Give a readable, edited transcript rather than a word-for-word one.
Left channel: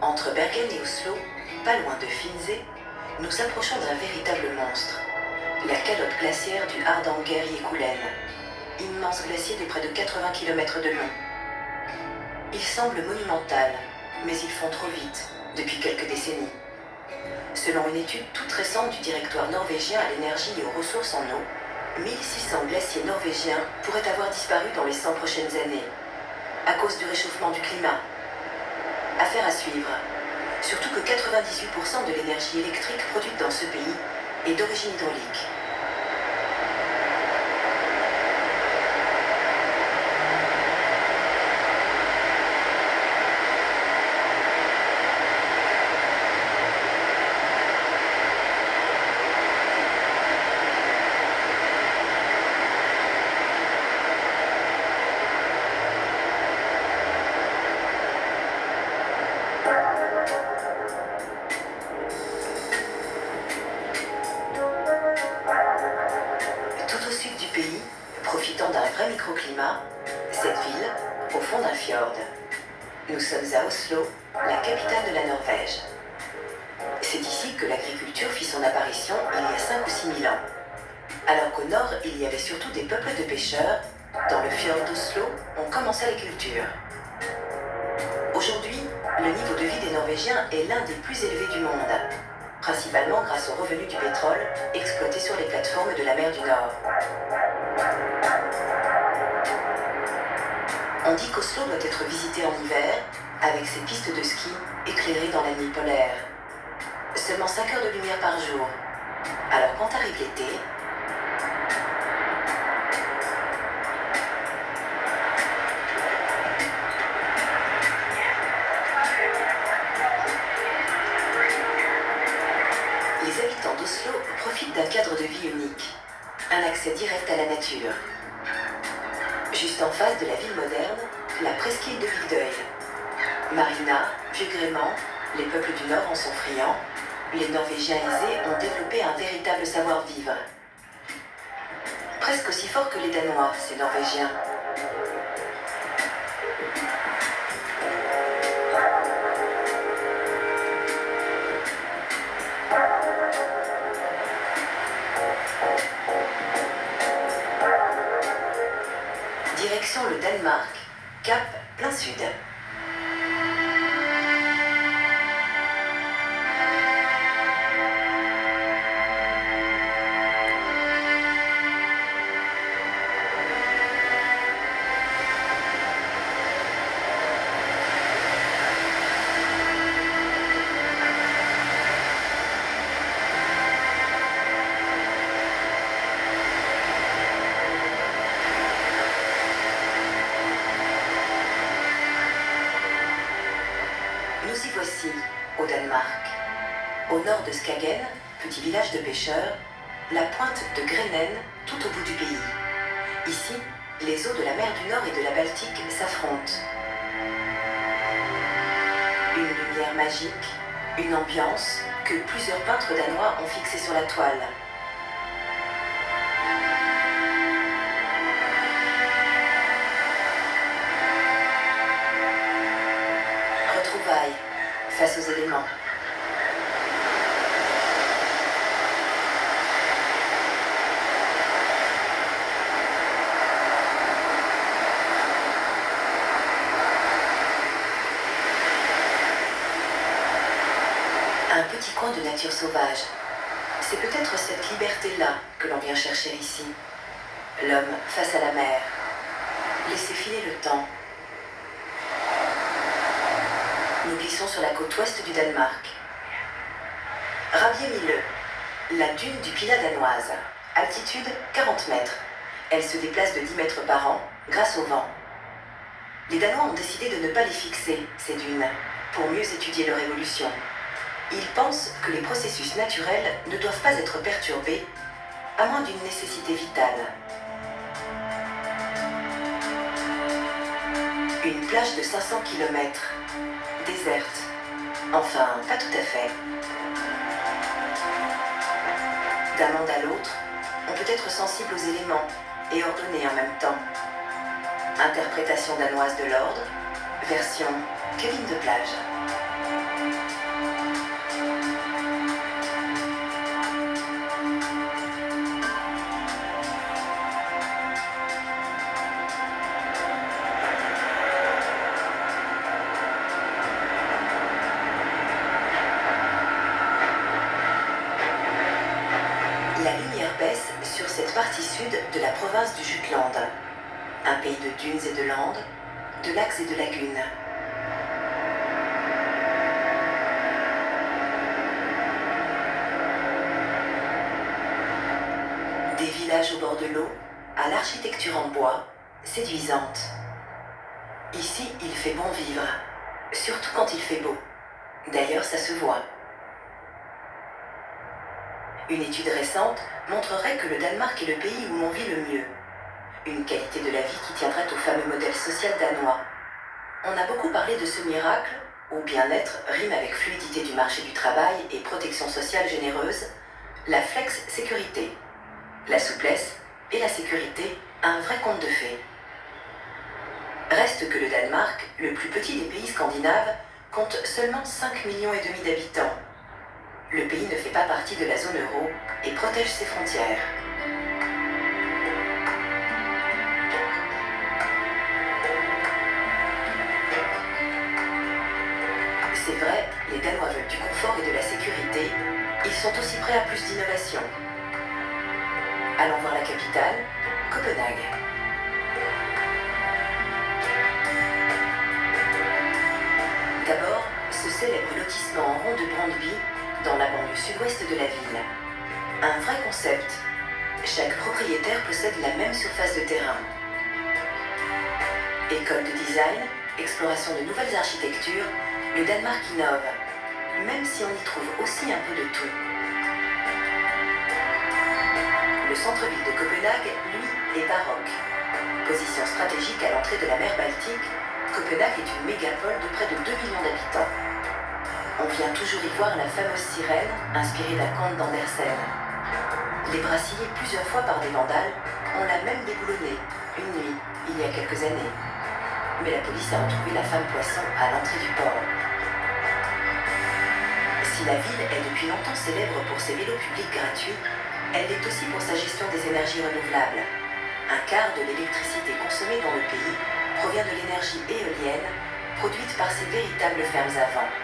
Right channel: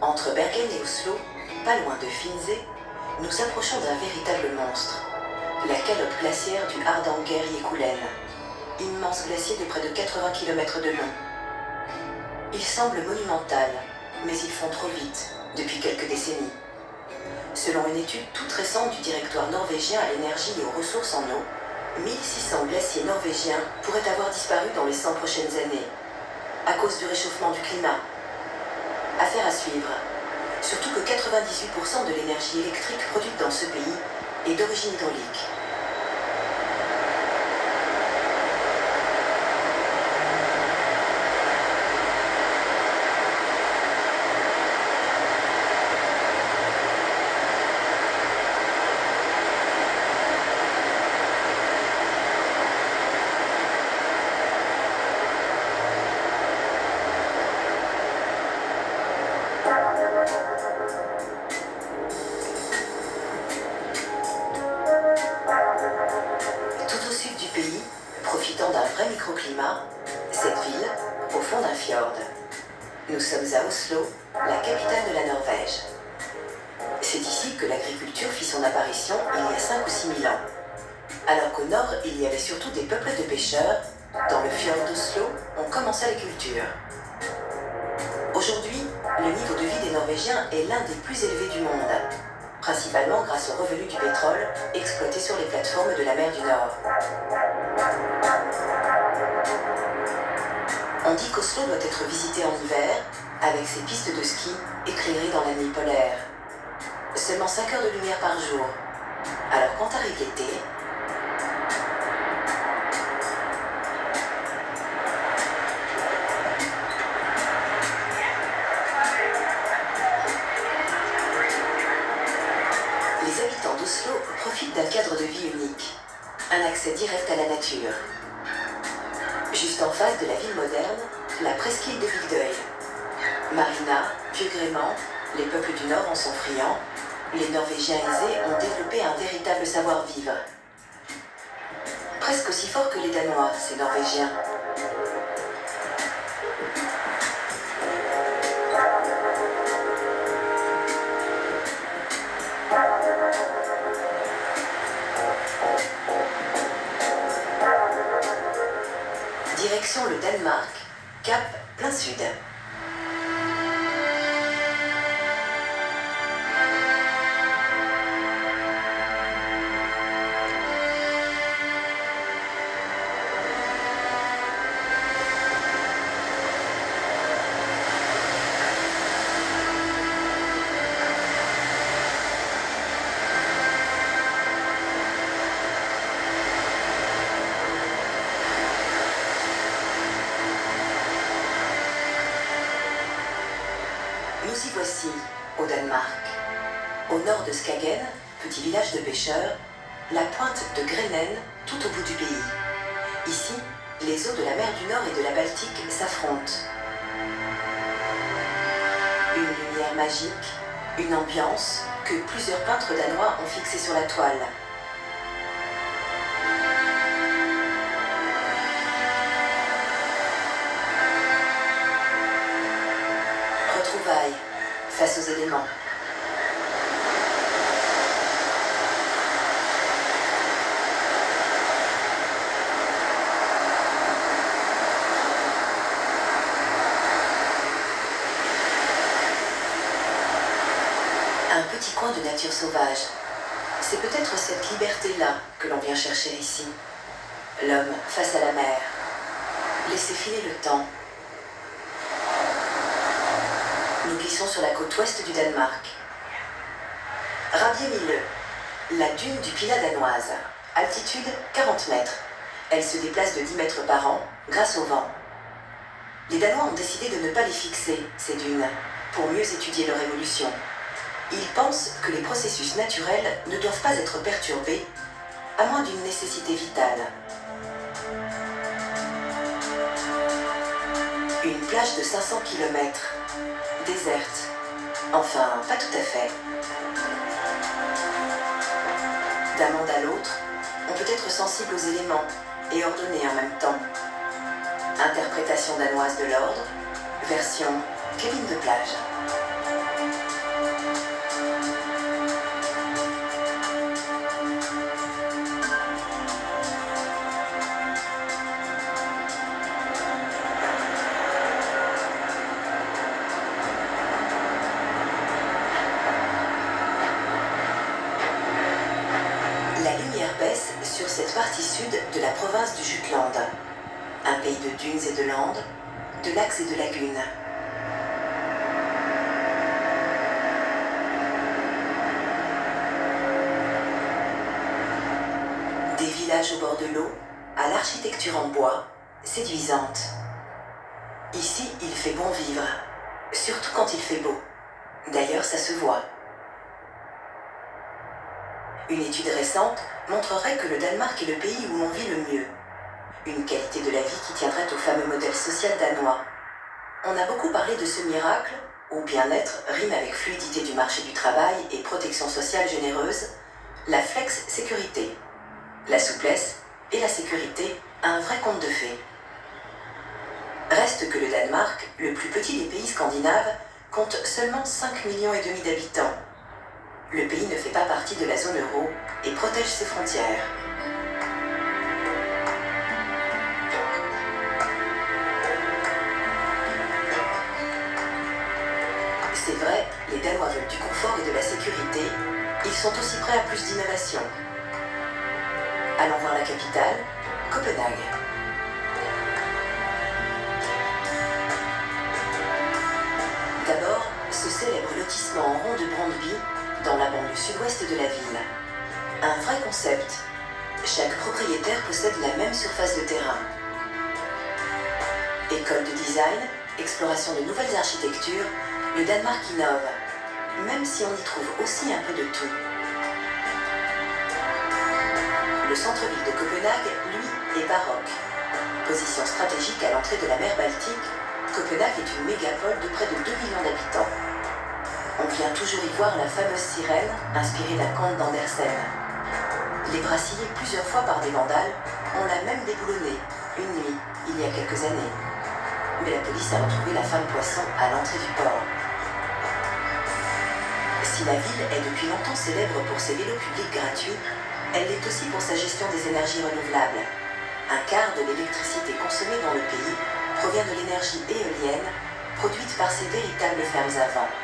entre Bergen et Oslo, pas loin de Finse, nous approchons d'un véritable monstre. La calotte glaciaire du Hardanger-Jekulen, immense glacier de près de 80 km de long. Il semble monumental, mais ils font trop vite, depuis quelques décennies. Selon une étude toute récente du Directoire norvégien à l'énergie et aux ressources en eau, 1600 glaciers norvégiens pourraient avoir disparu dans les 100 prochaines années, à cause du réchauffement du climat. Affaire à suivre, surtout que 98% de l'énergie électrique produite dans ce pays est d'origine hydraulique. Tout au sud du pays, profitant d'un vrai microclimat, cette ville, au fond d'un fjord. Nous sommes à Oslo, la capitale de la Norvège. C'est ici que l'agriculture fit son apparition il y a 5 ou 6 000 ans. Alors qu'au nord, il y avait surtout des peuples de pêcheurs, dans le fjord d'Oslo, on commençait la culture. Aujourd'hui, le niveau de vie des Norvégiens est l'un des plus élevés du monde, principalement grâce aux revenus du pétrole exploité sur les plateformes de la mer du Nord. On dit qu'Oslo doit être visité en hiver, avec ses pistes de ski éclairées dans la nuit polaire. Seulement 5 heures de lumière par jour. Alors quand arrive l'été, les habitants d'Oslo profitent d'un cadre de vie unique, un accès direct à la nature. Juste en face de la ville moderne, la presqu'île de Vigdøy. Marina, Vieux-Grément, les peuples du Nord en sont friands. Les Norvégiens aisés ont développé un véritable savoir-vivre. Presque aussi fort que les Danois, ces Norvégiens. Direction le Danemark, cap plein sud. Nous y voici, au Danemark. Au nord de Skagen, petit village de pêcheurs, la pointe de Grenen, tout au bout du pays. Ici, les eaux de la mer du Nord et de la Baltique s'affrontent. Une lumière magique, une ambiance que plusieurs peintres danois ont fixée sur la toile. Retrouvailles face aux éléments. Un petit coin de nature sauvage. C'est peut-être cette liberté-là que l'on vient chercher ici. L'homme face à la mer. Laissez filer le temps. Nous glissons sur la côte ouest du Danemark. Rabiemille, la dune du Pilat danoise. Altitude 40 mètres. Elle se déplace de 10 mètres par an grâce au vent. Les Danois ont décidé de ne pas les fixer, ces dunes, pour mieux étudier leur évolution. Ils pensent que les processus naturels ne doivent pas être perturbés, à moins d'une nécessité vitale. Une plage de 500 km, déserte. Enfin, pas tout à fait. D'un monde à l'autre, on peut être sensible aux éléments et ordonner en même temps. Interprétation danoise de l'ordre, version cabine de plage. sur cette partie sud de la province du Jutland. Un pays de dunes et de landes, de lacs et de lagunes. Des villages au bord de l'eau, à l'architecture en bois, séduisante. Ici, il fait bon vivre, surtout quand il fait beau. D'ailleurs, ça se voit. Une étude récente montrerait que le Danemark est le pays où l'on vit le mieux. Une qualité de la vie qui tiendrait au fameux modèle social danois. On a beaucoup parlé de ce miracle, où bien-être rime avec fluidité du marché du travail et protection sociale généreuse, la flex-sécurité. La souplesse et la sécurité, un vrai conte de fées. Reste que le Danemark, le plus petit des pays scandinaves, compte seulement 5,5 millions d'habitants. Le pays ne fait pas partie de la zone euro et protège ses frontières. C'est vrai, les Danois veulent du confort et de la sécurité. Ils sont aussi prêts à plus d'innovation. Allons voir la capitale, Copenhague. D'abord, ce célèbre lotissement en rond de Brøndby, dans la banlieue sud-ouest de la ville. Un vrai concept. Chaque propriétaire possède la même surface de terrain. École de design, exploration de nouvelles architectures, le Danemark innove, même si on y trouve aussi un peu de tout. Le centre-ville de Copenhague, lui, est baroque. Position stratégique à l'entrée de la mer Baltique, Copenhague est une mégapole de près de 2 millions d'habitants. On vient toujours y voir la fameuse sirène, inspirée d'un conte d'Andersen. Les brassillés plusieurs fois par des vandales, on l'a même déboulonnée, une nuit, il y a quelques années. Mais la police a retrouvé la femme poisson à l'entrée du port. Si la ville est depuis longtemps célèbre pour ses vélos publics gratuits, elle l'est aussi pour sa gestion des énergies renouvelables. Un quart de l'électricité consommée dans le pays provient de l'énergie éolienne, produite par ces véritables fermes à vent.